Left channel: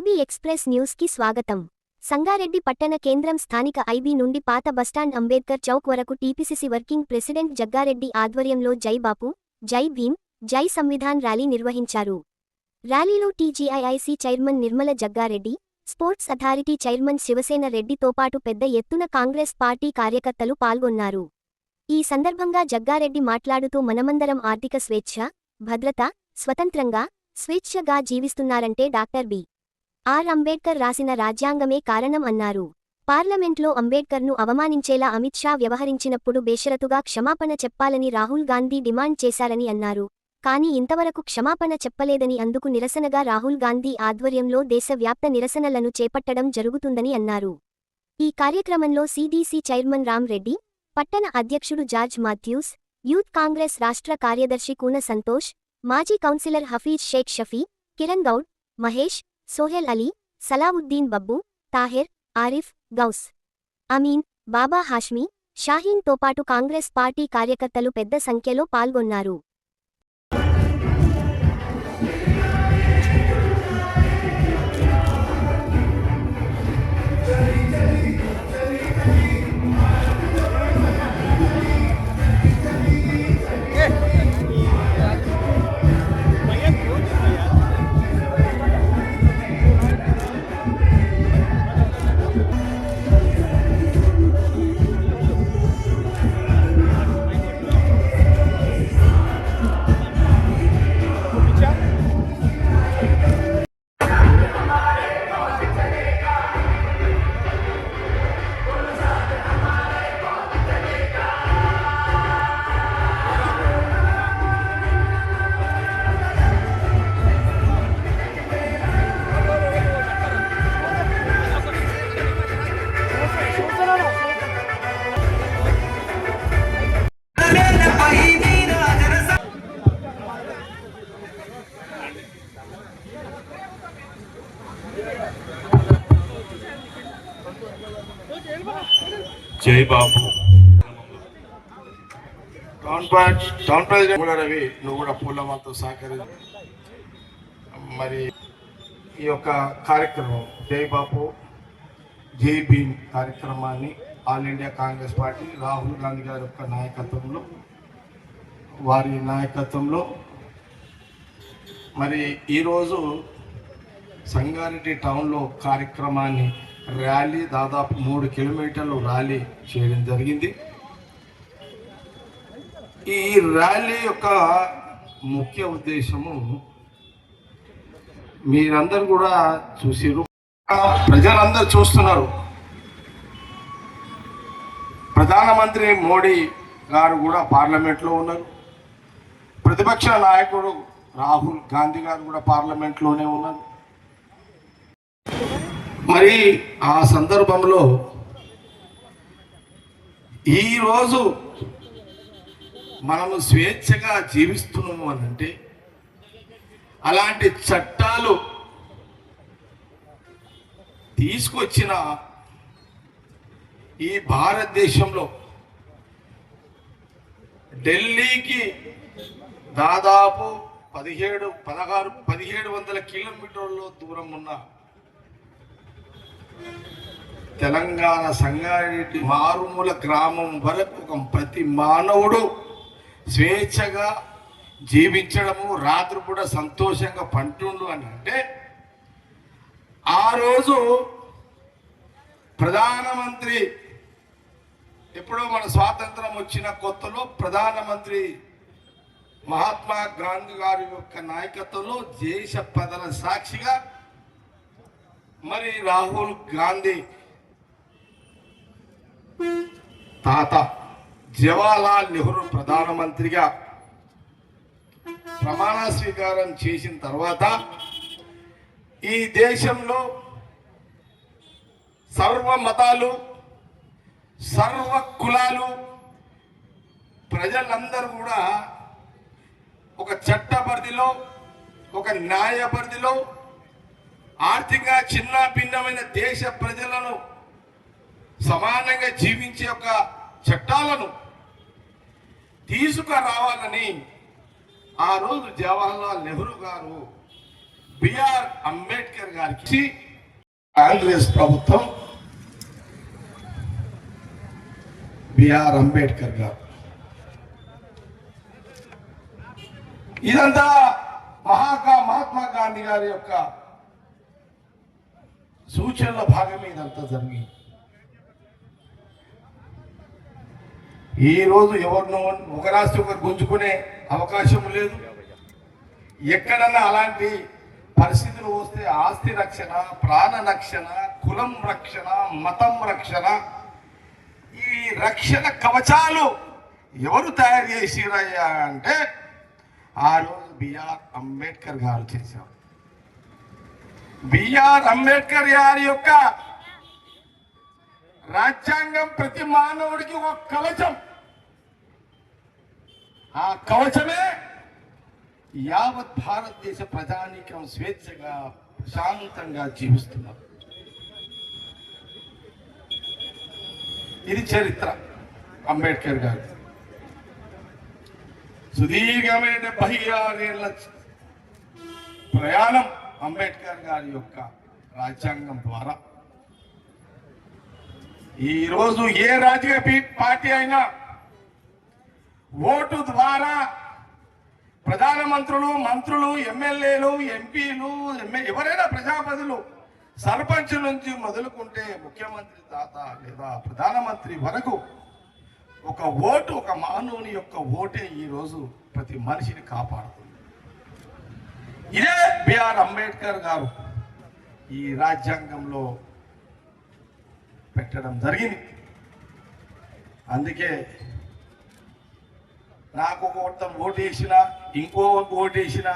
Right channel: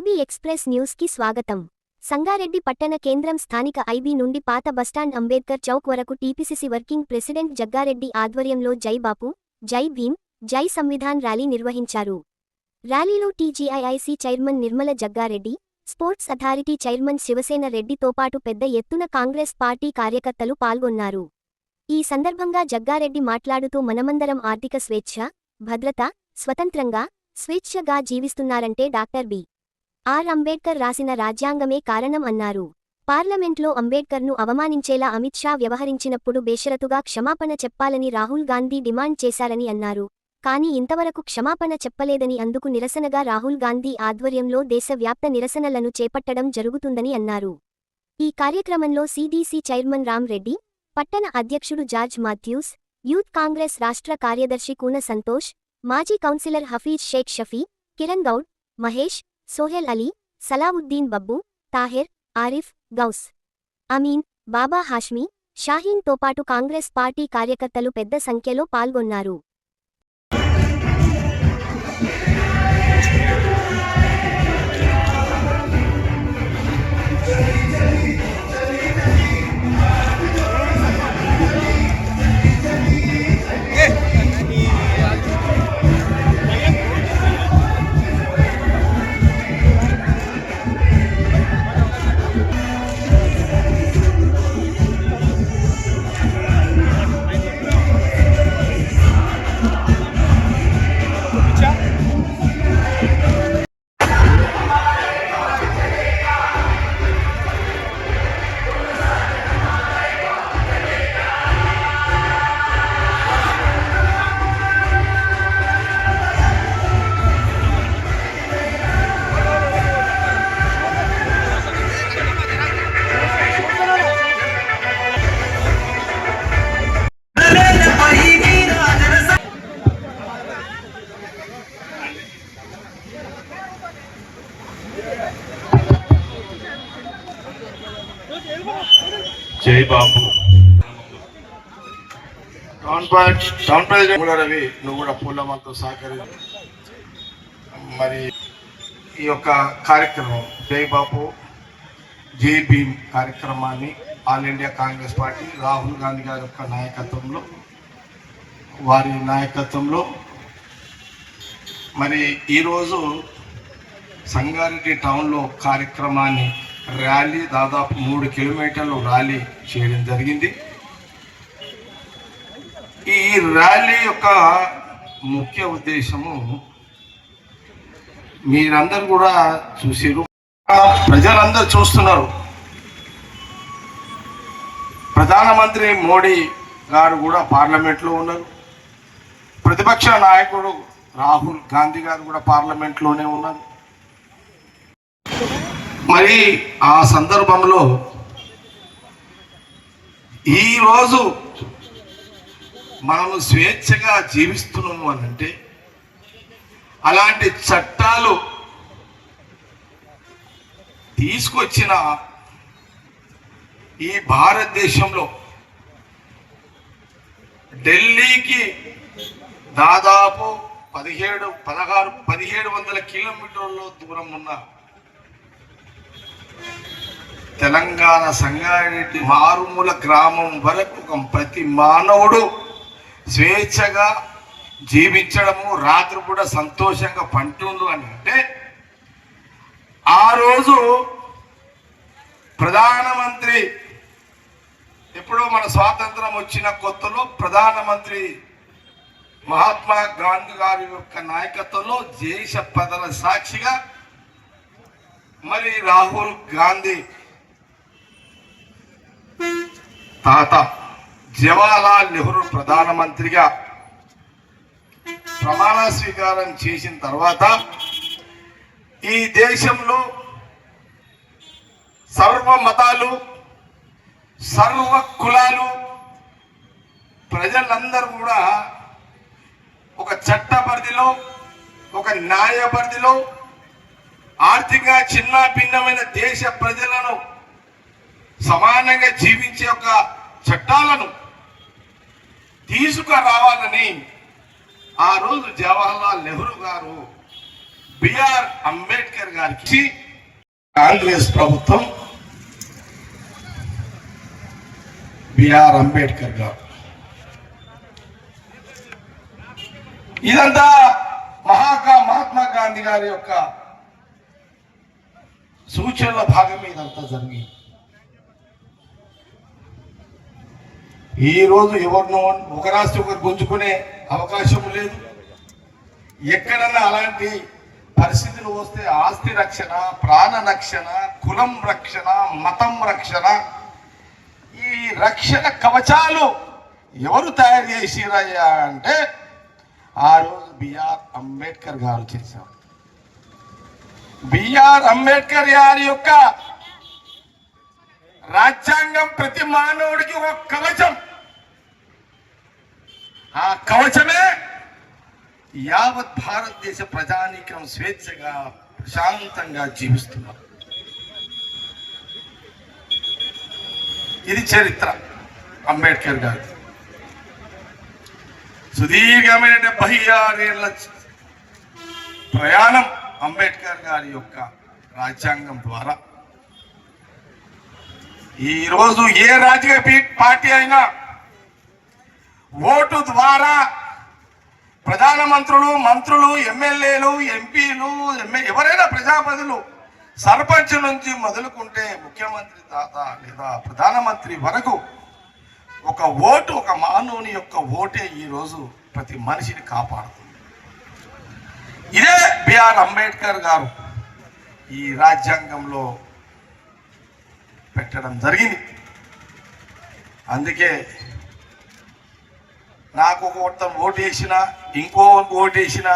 IB express news కి స్వాగతం. సంగారెడ్డి పట్టణ కేంద్రం స్థానిక ఐబీ నుండి పాత బస్టాండ్ అంబేద్కర్ చౌక్ వరకు టీపీసీసీ వర్కింగ్ ప్రెసిడెంట్ జగ్గారెడ్డి ఆధ్వర్యంలో జై బాపు, జై భీమ్, జై సంవిధాన్ ర్యాలీ నిర్వహించారు. ర్యాలీలో TGIIC chairman Nirmala Jaggareddy, sports authority chairman Shivasena రెడ్డితో పాటు పెద్ద ఎత్తున కాంగ్రెస్ పార్టీ కార్యకర్తలు పాల్గొన్నారు. ఈ సందర్భంగా జగ్గారెడ్డి మాట్లాడుతూ మనమందరం ఆర్థిక స్వేచ్ఛ, భద్రత, స్వతంత్రంగా, స్వేచ్ఛగా జీవిస్తున్నారంటే డాక్టర్ బి.ఆర్. అంబేడ్కర్ రాసిన రాజ్యాంగమే కారణం అన్నారు. పార్లమెంట్లో అంబేడ్కర్ను అవమానించేలా అమిత్ షా వ్యవహరించినప్పుడు బేషరతుగా క్షమాపణ చెప్పాలని రాహుల్ గాంధీ డిమాండ్ చేశారని అన్నారు. కానీ ఇంతవరకు క్షమాపణ చెప్పలేదని అందుకు నిరసనగా రాహుల్ గాంధీ ఆధ్వర్యంలో దేశవ్యాప్త నిరసనలను చేపట్టడం జరుగుతుందని అన్నారు. ఈ కార్యక్రమంలో సీడీసీ చైర్మన్ రామ్ రెడ్డి, పట్టణ అధ్యక్షుడు జార్జ్ మాథ్యూస్, యూత్ కాంగ్రెస్ రాష్ట్ర కార్యదర్శి కూన సంతోష్, మాజీ కౌన్సిలర్ హఫీజ్ షేక్ షఫీ, కిరణ్ గౌడ్, మహేష్, సోహెల్ అలీ, సలావుద్దీన్ బబ్బు, తాహెర్, ఆరిఫ్, గౌస్, అమీన్, బాబా హాష్మీ, షాహీన్ తో పాటు కాంగ్రెస్ పార్టీ కార్యకర్తలు పెద్ద సంఖ్యలో పాల్గొన్నారు. జై బాపు రవి, నువ్వు కూడా పూలమాలతో సహకరించి మరి ఈ యొక్క కార్యక్రమం జై బాపు జై భీమ్ కార్యక్రమాన్ని all India Congress party Rahul Gandhi గారి యొక్క వారి నాయకత్వంలో మరి ఈరోజు సంగారెడ్డి టౌన్లో కార్యక్రమాన్ని ర్యాలీ దాదాపు 3 కిలోమీటర్లు ర్యాలీ చేయడం జరిగింది. ఈ ర్యాలీ యొక్క ముఖ్య ఉద్దేశము మీరందరూ కూడా చూసిరు, ప్రజలందరూ చూస్తున్నారు. ప్రధానమంత్రి మోడీ గారు కూడా పార్లమెంట్లో ఉన్నారు, ప్రతిపక్ష నాయకుడు రాహుల్ గాంధీ గారు కూడా పార్లమెంట్లోనే ఉన్నారు. మరి ఆ సందర్భంలో ఈరోజు మనము స్వేచ్ఛగా జీవిస్తున్నాము అని అంటే అలాంటి చట్టాలు తీసుకొచ్చిన ఈ భారతదేశంలో ఢిల్లీకి దాదాపు 1700 కిలోమీటర్ల దూరం ఉన్న తెలంగాణ సంగారెడ్డి మారుమూల గ్రామం వరకు ప్రతి మానవుడు స్వేచ్ఛగా జీవించడము, రాత్రి కూడా సంతోషంగా పంటుండు అని అంటే ఆ రోజు ప్రధానమంత్రి ఎప్పుడో మన స్వాతంత్రం వచ్చిన కొత్తలో ప్రధానమంత్రి మహాత్మా గాంధీ గారి యొక్క నాయకత్వంలో దేశ ప్రజల సాక్షిగా మరి రాహుల్ గాంధీ తాత జవహర్లాల్ నెహ్రూ ప్రధానమంత్రిగా ప్రమాణ స్వీకారం చేసిన తర్వాత ఈ దేశంలో సర్వ మతాలు, సర్వ కులాలు ప్రజలందరూ కూడా ఒక చట్ట పరిధిలో, ఒక న్యాయ పరిధిలో ఆర్థికంగా చిన్న భిన్నమైన దేశ ప్రజలను సమానంగా జీవించే ఒక చట్టాలను తీసుకురావాలని ఆ రోజు జవహర్లాల్ నెహ్రూ గారు బిఆర్ అంబేద్కర్ గారికి కాంగ్రెస్ ప్రభుత్వం బిఆర్ అంబేద్కర్ గారు ఇదంతా మహాత్మా గాంధీ గారి యొక్క సూచనల భాగమే ఇదంతా జరిగింది. ఈ రోజు ఎవరినో ఒక రాష్ట్రం ఒకరు గుంజుకునే అవకాశం లేదు. ఎక్కడన్నా అలాంటి పరిస్థితులు వస్తే ఆస్తి రక్షణ, ప్రాణ రక్షణ, కులం రక్షణ, మతం రక్షణ, ఈ రక్షణ కవచాలు ఎవరు తయారు చేసిరయ్యా అంటే ఆ రోజు బిఆర్ అంబేద్కర్ గారు చేశారు. బిఆర్ అంబేద్కర్ గారి యొక్క రాజ్యాంగం ప్రతి మానవుడికి ఒక కవచం. ఆ కవచమే యావత్ భారతదేశ ప్రజానీకం స్వేచ్ఛగా ప్రశాంతంగా జీవిస్తున్నారు. ఇది చరిత్ర అంబేద్కర్ గారి సుదీర్ఘమైన 76 ఏళ్ల ప్రయాణం అంబేద్కర్ గారి యొక్క రాజ్యాంగం ద్వారా. ఈరోజు ఏ రాజకీయ పార్టీ అయినా ఓటు ద్వారా ప్రధానమంత్రులు, మంత్రులు, ఎమ్మెల్యేలు, ఎంపీలు, ఎవరైనా ప్రజాప్రతినిధులు, సర్పంచ్ నుంచి మొదలుకుంటే ముఖ్యమంత్రి దాకా లేదా ప్రధానమంత్రి వరకు ఒక ఓటు, ఒక మానవుని యొక్క ఓటే ఈరోజు ప్రతి మనిషిని కాపాడుతుంది. ఇదే బిఆర్ అంబేద్కర్ గారు ఈ రాజ్యాంగంలో పెట్టడం జరిగింది. అందుకే నాకు ఒక ఓటు వేసిన, ఇంకో ఓటు వేసిన,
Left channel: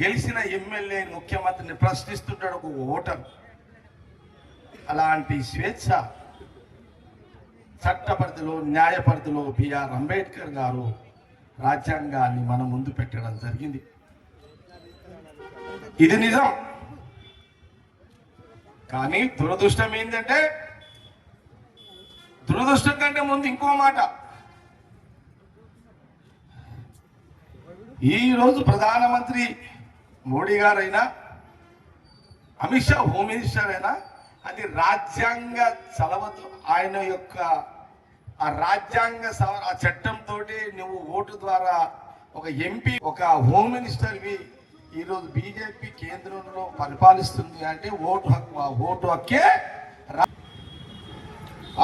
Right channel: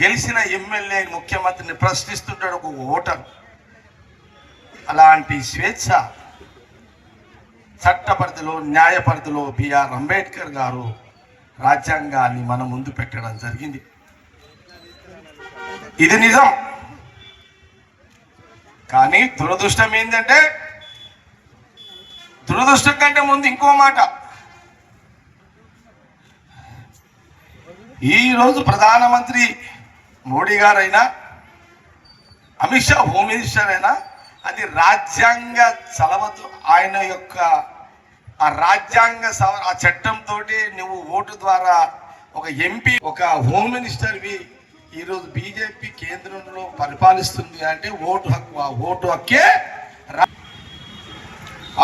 గెలిచిన ఎమ్మెల్యే ముఖ్యమంత్రిని ప్రశ్నిస్తుంటాడు ఒక ఓటర్. అలాంటి స్వేచ్ఛ చట్ట పరిధిలో, న్యాయ పరిధిలో బిఆర్ అంబేద్కర్ గారు రాజ్యాంగాన్ని మన ముందు పెట్టడం జరిగింది. ఇది నిజం. కానీ దురదృష్టం ఏంటంటే, దురదృష్టం కంటే ముందు ఇంకో మాట. ఈరోజు ప్రధానమంత్రి మోడీ గారైనా, అమిత్ షా హోమ్ మినిస్టర్ అయినా, అది రాజ్యాంగ చలవతో ఆయన యొక్క ఆ రాజ్యాంగ ఆ చట్టంతో నువ్వు ఓటు ద్వారా ఒక ఎంపీ, ఒక హోమ్ మినిస్టర్వి ఈరోజు బీజేపీ కేంద్రంలో పరిపాలిస్తుంది అంటే ఓటు హక్కు. ఆ ఓటు హక్కే.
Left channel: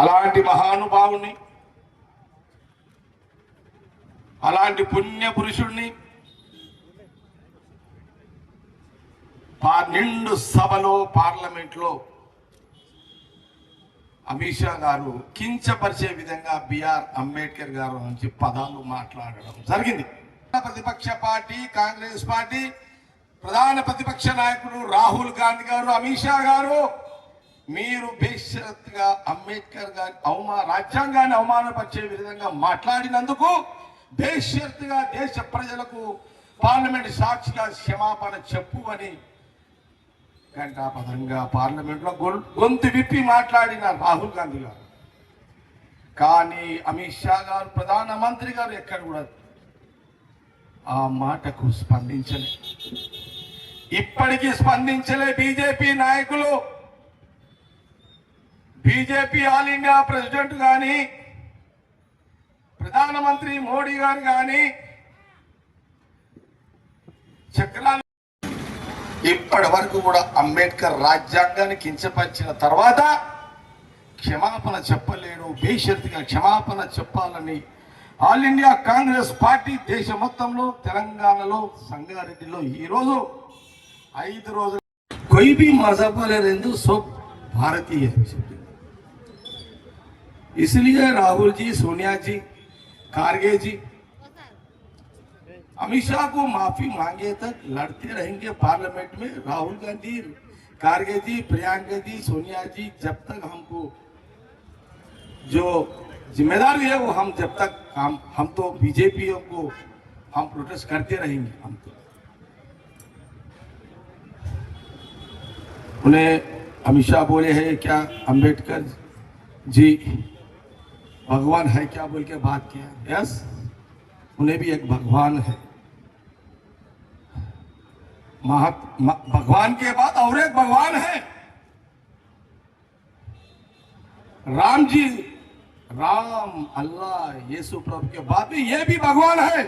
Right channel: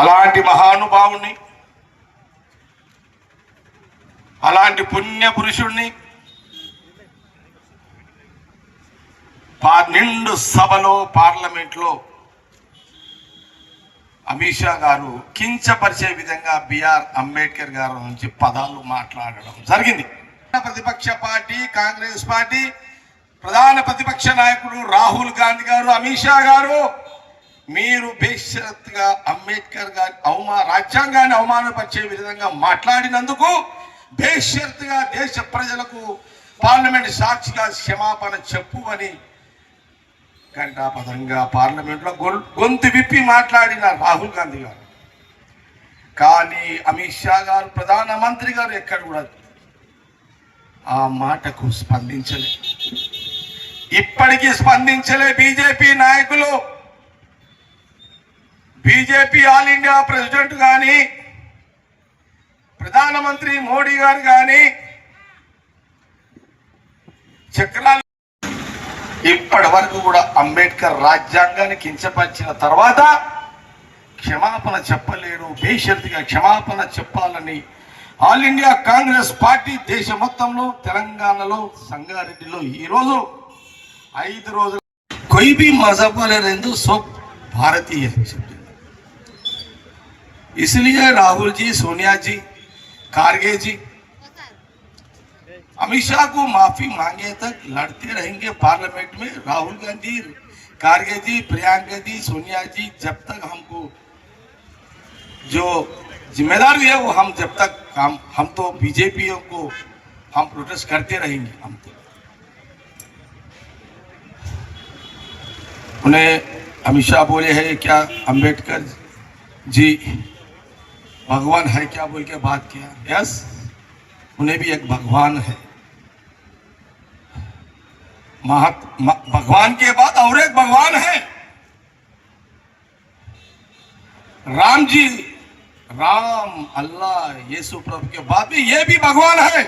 అలాంటి మహానుభావుని, అలాంటి పుణ్య పురుషుణ్ణి నిండు సభలో, పార్లమెంట్లో అమిత్ షా గారు కించపరిచే విధంగా బిఆర్ అంబేద్కర్ గారు నుంచి పదాలు మాట్లాడడం జరిగింది. ప్రతిపక్ష పార్టీ కాంగ్రెస్ పార్టీ ప్రధాన ప్రతిపక్ష నాయకుడు రాహుల్ గాంధీ గారు, అమిత్ షా గారు, మీరు బేషరత్తుగా అంబేద్కర్ గారి రాజ్యాంగాన్ని అవమానపరిచే విధంగా మాట్లాడినందుకు బేషరత్తుగా దేశ ప్రజలకు పార్లమెంట్ సాక్షిగా క్షమాపణ చెప్పు అని ఘంటాపథంగా పార్లమెంట్లో గొంతు విప్పి మాట్లాడిన రాహుల్ గాంధీ గారు. కానీ అమిత్ షా గారు, ప్రధానమంత్రి గారు ఎక్కడ కూడా ఆ మాటకు స్పందించలే. ఇప్పటికీ స్పందించలే బీజేపీ నాయకులు. బీజేపీ ఆల్ ఇండియా ప్రెసిడెంట్ కానీ, ప్రధానమంత్రి మోడీ గారు కానీ చక్రాలు ఇప్పటి వరకు కూడా అంబేద్కర్ రాజ్యాంగాన్ని కించపరిచిన తర్వాత క్షమాపణ చెప్పలేడు. బేషరతుగా క్షమాపణ చెప్పాలని ఆల్ ఇండియా కాంగ్రెస్ పార్టీ దేశ మొత్తంలో, తెలంగాణలో, సంగారెడ్డిలో ఈరోజు 5 రోజులు कोई भी मजहब वाले रहते सब भारतीय है। इसलिए राहुल जी, सोनिया जी, खारगे जी अमित शाह को माफी मांगे तक लड़ते रहेंगे पार्लियामेंट में। राहुल गांधी, खारगे जी, प्रियंका जी, सोनिया जी, जब तक हमको जो जिम्मेदारी है वो हम जब तक हम तो बीजेपी को हम प्रोटेस्ट करते रहेंगे। हम तो उन्हें अमित शाह बोले हैं क्या अंबेडकर जी भगवान है क्या बोल के बात किया। यस, उन्हें भी एक भगवान है। भगवान के बाद और एक भगवान है राम जी, राम अल्लाह यीशु प्रभु के बाद भी ये भी भगवान है।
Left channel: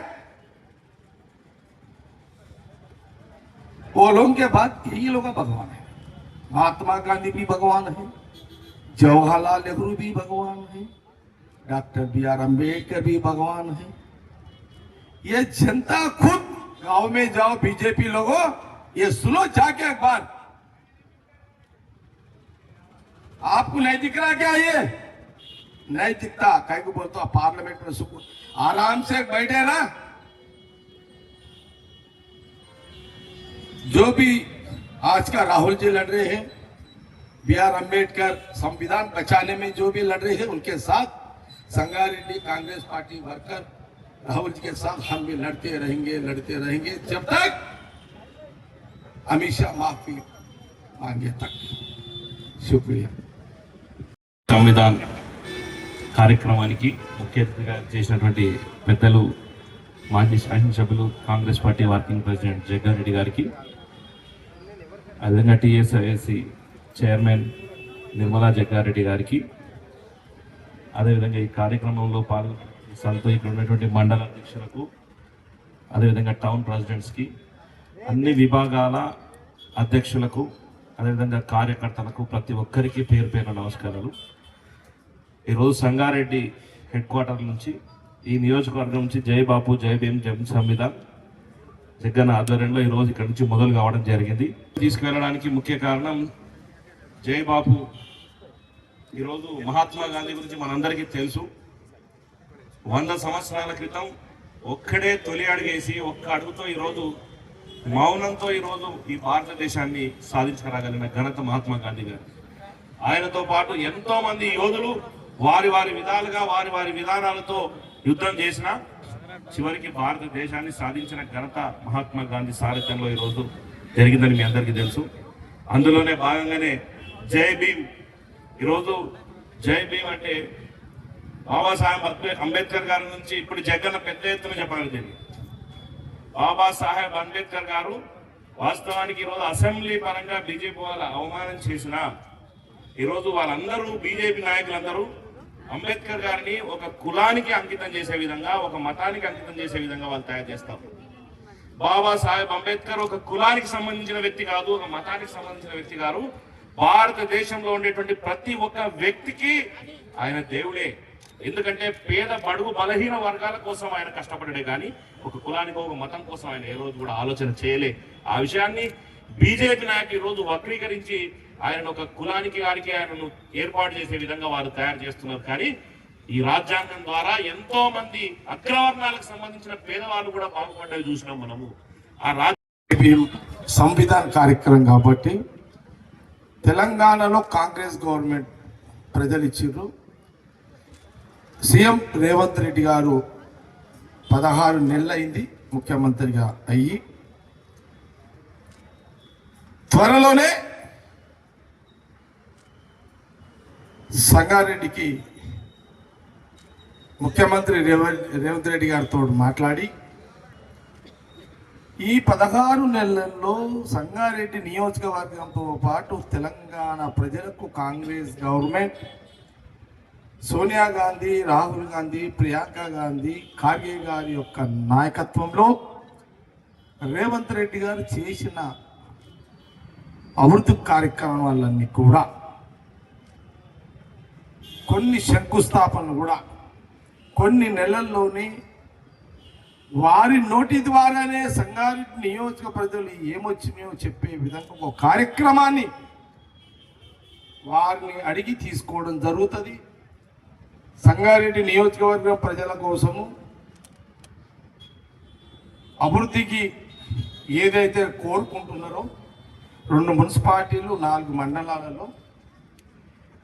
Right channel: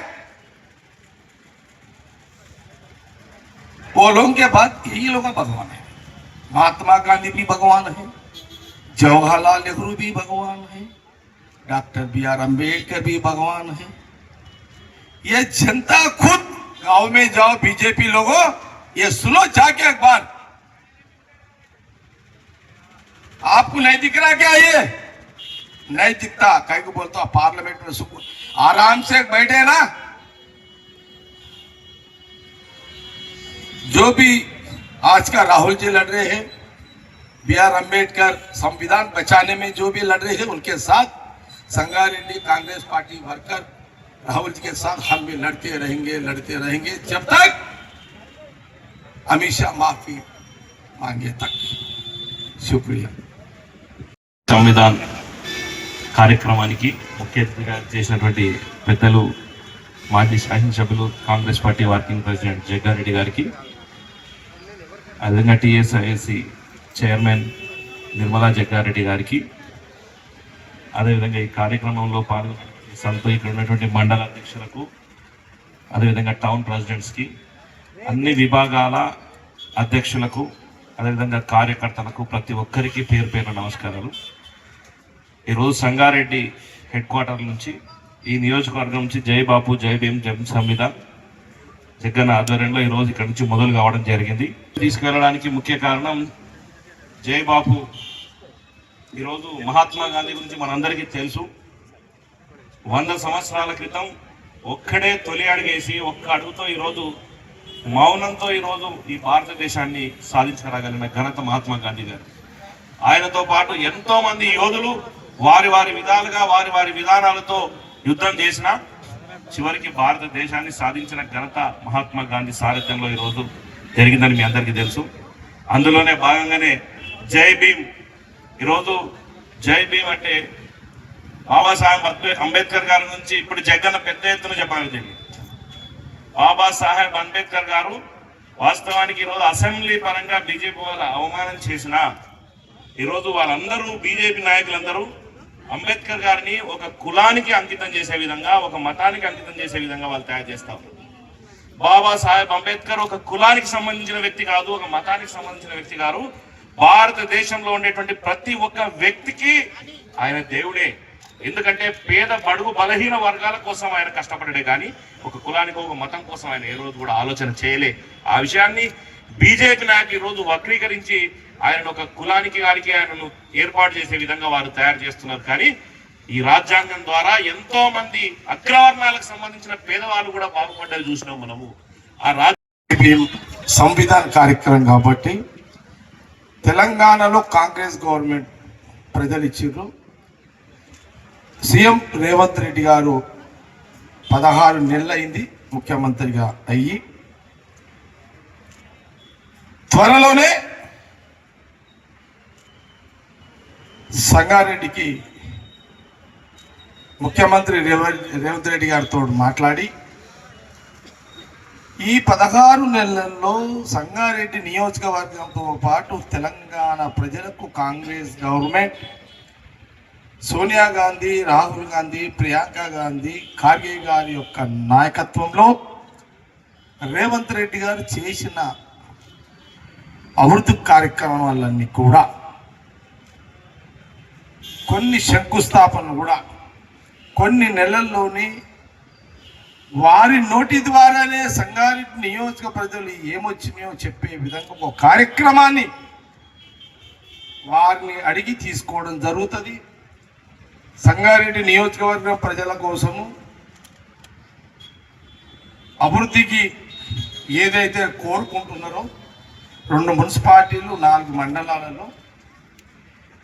वो लोगों के बाद यही लोग भगवान है। महात्मा गांधी भी भगवान है, जवाहरलाल नेहरू भी भगवान है, डॉक्टर B.R. अम्बेडकर भी भगवान है। ये जनता खुद गांव में जाओ, बीजेपी लोगों ये सुनो जाके एक बार, आपको नहीं दिख रहा क्या? ये नहीं दिखता, कहीं को बोलता हूं पार्लियामेंट में सुकून आराम से बैठे ना। जो भी आज का राहुल जी लड़ रहे हैं, B.R. अम्बेडकर संविधान बचाने में जो भी लड़ रहे हैं, उनके साथ संगारेड्डी कांग्रेस पार्टी वर्कर राहुल जी के साथ हम भी लड़ते रहेंगे जब तक अमित शाह माफी मांगे तक। शुक्रिया। సంవిధాన్ కార్యక్రమానికి ముఖ్య అతిథిగా చేసినటువంటి పెద్దలు మాజీ శాసనసభ్యులు Congress party working president Jaggareddy గారికి, అదేవిధంగా టీఎస్ఐఎస్సి చైర్మన్ నిర్మలా జగ్గారెడ్డి గారికి, అదేవిధంగా ఈ కార్యక్రమంలో పాల్గొన్న ఇక్కడ ఉన్నటువంటి మండల అధ్యక్షులకు, అదేవిధంగా టౌన్ ప్రెసిడెంట్స్కి, అన్ని విభాగాల అధ్యక్షులకు, అదేవిధంగా కార్యకర్తలకు ప్రతి ఒక్కరికి పేరు పేరు నమస్కారాలు. ఈరోజు సంగారెడ్డి హెడ్ క్వార్టర్ నుంచి ఈ నియోజకవర్గం నుంచి జై బాపు జై భీమ్ జై సంవిధాన్ జగన్ ఆధ్వర్యంలో ఈరోజు ఇక్కడ నుంచి మొదలు కావడం జరిగింది. తీసుకెళ్ళడానికి ముఖ్య కారణం జై బాపు. ఈరోజు మహాత్మా గాంధీ గురించి మనందరికీ తెలుసు. 100 సంవత్సరాల క్రితం ఒక్కడే తొలి అడుగేసి ఒక్క అడుగుతో ఈరోజు మౌనంతో ఈరోజు ఈ భారతదేశాన్ని సాధించగలిగిన ఘనత మహాత్మా గాంధీ గారు. ఆయనతో పాటు ఎంతో మంది యోధులు వారి వారి విధాలుగా వారి వారి విధానాలతో యుద్ధం చేసిన చివరికి భారతదేశాన్ని సాధించిన ఘనత మహాత్మా గాంధీ సారథ్యంలో ఈరోజు జరిగిందని మీ అందరికీ తెలుసు. అందులోనే భాగంగానే జై భీమ్. ఈరోజు జై భీమ్ అంటే బాబాసాహెబ్ అంబేద్కర్ గారి నుంచి ఇప్పుడు జగన్ పెద్ద ఎత్తున చెప్పగలిగింది. బాబాసాహెబ్ అంబేద్కర్ గారు వాస్తవానికి ఈరోజు అసెంబ్లీ పరంగా బీజేపీ వాళ్ళ అవమానం చేసిన ఈరోజు వాళ్ళందరూ బీజేపీ నాయకులందరూ అంబేద్కర్ గారిని ఒక కులానికి అంకితం చేసే విధంగా, ఒక మతానికి అంకితం చేసే విధంగా వాళ్ళు తయారు చేస్తారు. బాబాసాహెబ్ అంబేద్కర్ ఒక కులానికి సంబంధించిన వ్యక్తి కాదు, ఒక మతానికి సంబంధించిన వ్యక్తి కాదు. భారతదేశంలో ఉండేటువంటి ప్రతి ఒక్క వ్యక్తికి ఆయన దేవుడే. ఎందుకంటే పేద బడుగు బలహీన వర్గాల కోసం ఆయన కష్టపడ్డాడే కానీ ఒక కులానికి ఒక మతం కోసం ఆయన ఏ రోజు కూడా ఆలోచన చేయలే. ఆ విషయాన్ని బీజేపీ నాయకులు ఈ రోజు వక్రీకరించి ఆయన ఒక కులానికి గారికి ఆయనను ఏర్పాటు చేసే విధంగా వారు తయారు చేస్తున్నారు. కానీ ఈ రాజ్యాంగం ద్వారా ఎంతో మంది అగ్రవర్ణాలకు సంబంధించిన పేదవాళ్ళు కూడా బాగుపడ్డది చూసినాం మనము. ఆ సంవిధాన కార్యక్రమం కాబట్టి తెలంగాణలో కాంగ్రెస్ గవర్నమెంట్ ప్రజలు ఇచ్చిర్రు. సీఎం రేవంత్ రెడ్డి గారు 16 నెలలైంది ముఖ్యమంత్రిగా అయ్యి. త్వరలోనే సంగారెడ్డికి ముఖ్యమంత్రి రేవంత్ రెడ్డి గారితో మాట్లాడి ఈ 16 నెలల్లో సంగారెడ్డి నియోజకవర్గంతో పాటు తెలంగాణ ప్రజలకు కాంగ్రెస్ గవర్నమెంట్ సోనియా గాంధీ, రాహుల్ గాంధీ, ప్రియాంక గాంధీ, ఖార్గే గారి యొక్క నాయకత్వంలో రేవంత్ రెడ్డి గారు చేసిన అభివృద్ధి కార్యక్రమాలన్నీ కూడా కొన్ని శంకుస్థాపనలు కూడా కొన్ని నెలల్లోనే వారి నోటి ద్వారానే సంగారెడ్డి నియోజక ప్రజలు ఏమొచ్చినాయో చెప్పే విధంగా ఒక కార్యక్రమాన్ని వారిని అడిగి తీసుకోవడం జరుగుతుంది. సంగారెడ్డి నియోజకవర్గం ప్రజల కోసము అభివృద్ధికి ఏదైతే కోరుకుంటున్నారో 2 మున్సిపాలిటీలు 4 మండలాలలో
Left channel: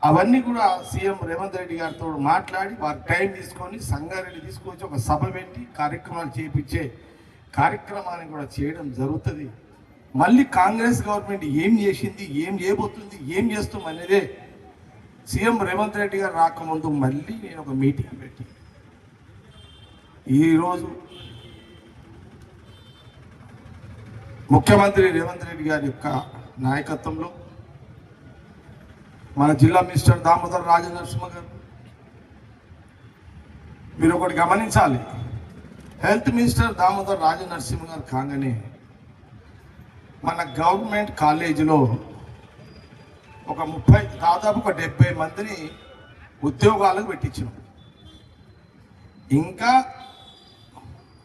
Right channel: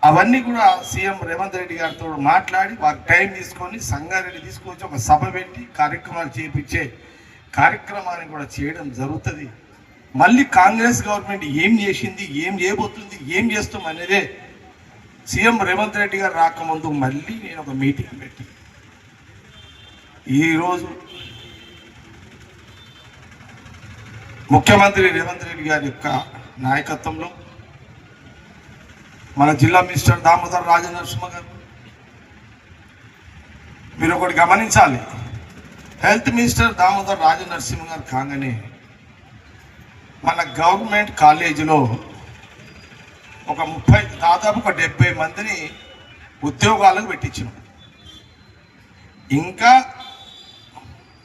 అవన్నీ కూడా సీఎం రేవంత్ రెడ్డి గారితో మాట్లాడి వారి టైం తీసుకొని సంగారెడ్డి తీసుకొచ్చి ఒక సభ పెట్టి కార్యక్రమాలు చేపించే కార్యక్రమాన్ని కూడా చేయడం జరుగుతుంది. మళ్ళీ కాంగ్రెస్ గవర్నమెంట్ ఏం చేసింది, ఏం చేయబోతుంది, ఏం చేస్తాం అనేదే సీఎం రేవంత్ రెడ్డి గారు రాకముందు మళ్ళీ నేను ఒక మీటింగ్ పెట్టి ఈరోజు ముఖ్యమంత్రి రేవంత్ రెడ్డి గారి యొక్క నాయకత్వంలో మన జిల్లా మినిస్టర్ దామోదర్ రాజనరసింహ గారు, మీరు ఒకటి గమనించాలి, హెల్త్ మినిస్టర్ దామోదర్ రాజనరసింహ గారు కాగానే మన గవర్నమెంట్ కాలేజీలో ఒక దాదాపు ఒక 70 మందిని ఉద్యోగాలకు పెట్టించాం. ఇంకా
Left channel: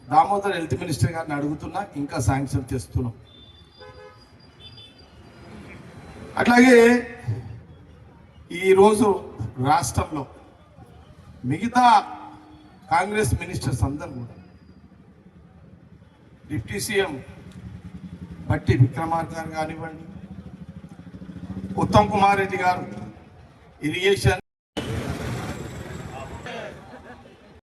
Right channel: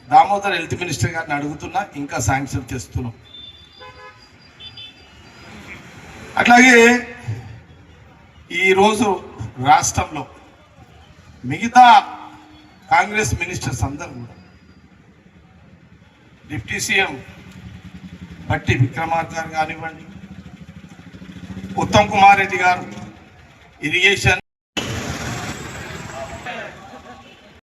దామోదర్ హెల్త్ మినిస్టర్ గారిని అడుగుతున్నా, ఇంకా శాంక్షన్ చేస్తున్నాం. అట్లాగే ఈరోజు రాష్ట్రంలో మిగతా కాంగ్రెస్ మినిస్టర్స్ అందరూ కూడా డిప్యూటీ సీఎం బట్టి విక్రమార్క గారు కానివ్వండి, ఉత్తమ్ కుమార్ రెడ్డి గారు, ఇరిగేషన్